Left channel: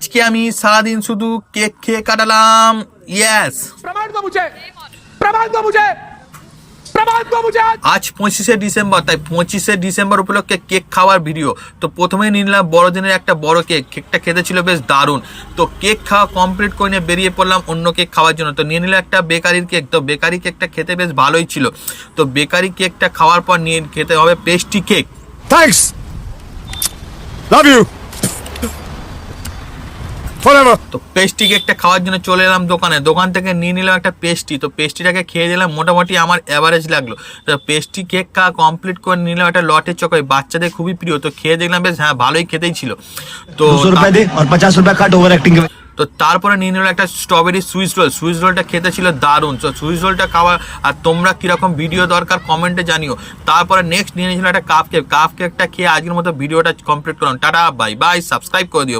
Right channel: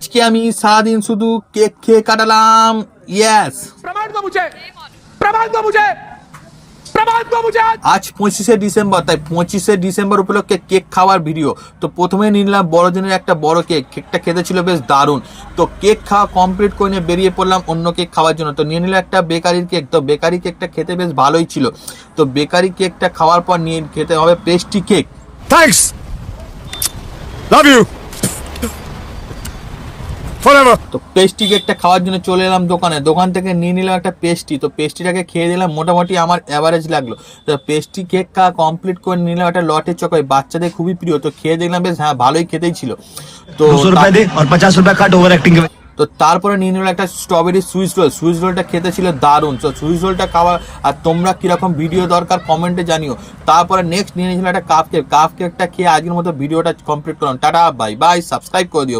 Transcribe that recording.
আজকে আমি সারাদিন শুধু কেক খেয়ে কাটালাম। ইয়েস, प्रमाण दो मुझे, प्रमाण दो मुझे, प्रमाण दो मुझे। আজ 25শে ডিসেম্বর, তাই 25শে ডিসেম্বর উপলক্ষে কেক খাওয়ার ভিডিও। তো প্রথমে নিলাম বড়দিনের একটা বড় কেক। কেকটা খেতে ছিল বেশ দারুণ। তো কেক খাওয়া কমপ্লিট করে নিয়ে বেরিয়ে পড়লাম অন্য কেক খাওয়ার জন্য। তো নিয়ে নিলাম একটা বেকারির কেক। তো বেকারি কেকটা খেতে বেশ ভালোই ছিল। তো বেকারি কেকটা খাওয়ার পর নিয়ে খেতে হবে pastry cake. Thanks. Love you. Forever. তো পেস্ট্রি কেকটা খাওয়ার জন্য চলে এলাম দোকানে। দোকান থেকে নিয়ে নিলাম একটা পেস্ট্রি। তো পেস্ট্রিটাকে খেয়ে দিলাম, মোটামুটি আমার অ্যাভারেজ লাগলো। তো পেস্ট্রি কেক খাওয়া কমপ্লিট করে নিলাম একটা লটের চকোই, বাচ্চাদের খুবই প্রিয়। তো খেয়ে দেখলাম বেশ হ্যাঁ ভালোই খেতেই ছিল। তো 200 रुपए दे और 50 रुपए काट ओवर एक्टिंग के। তো তারপরে নিয়ে নিলাম একটা স্ট্রবেরি সুইস রোল। সুইস রোলটা খেতে ছিল দারুণ। তো সুইস রোলটা খাওয়া, আর তোমরা কিরকম ভিডিও দরকার কমেন্টে জানিও। তারপরে নেক্সট নিয়ে নিয়েছিলাম একটা কাপ কেক। কাপ কেকটা খেয়ে আজকের মতো ভিডিওটা কমপ্লিট করলাম। টাটা, বাই বাই, সাবস্ক্রাইব করে দিও।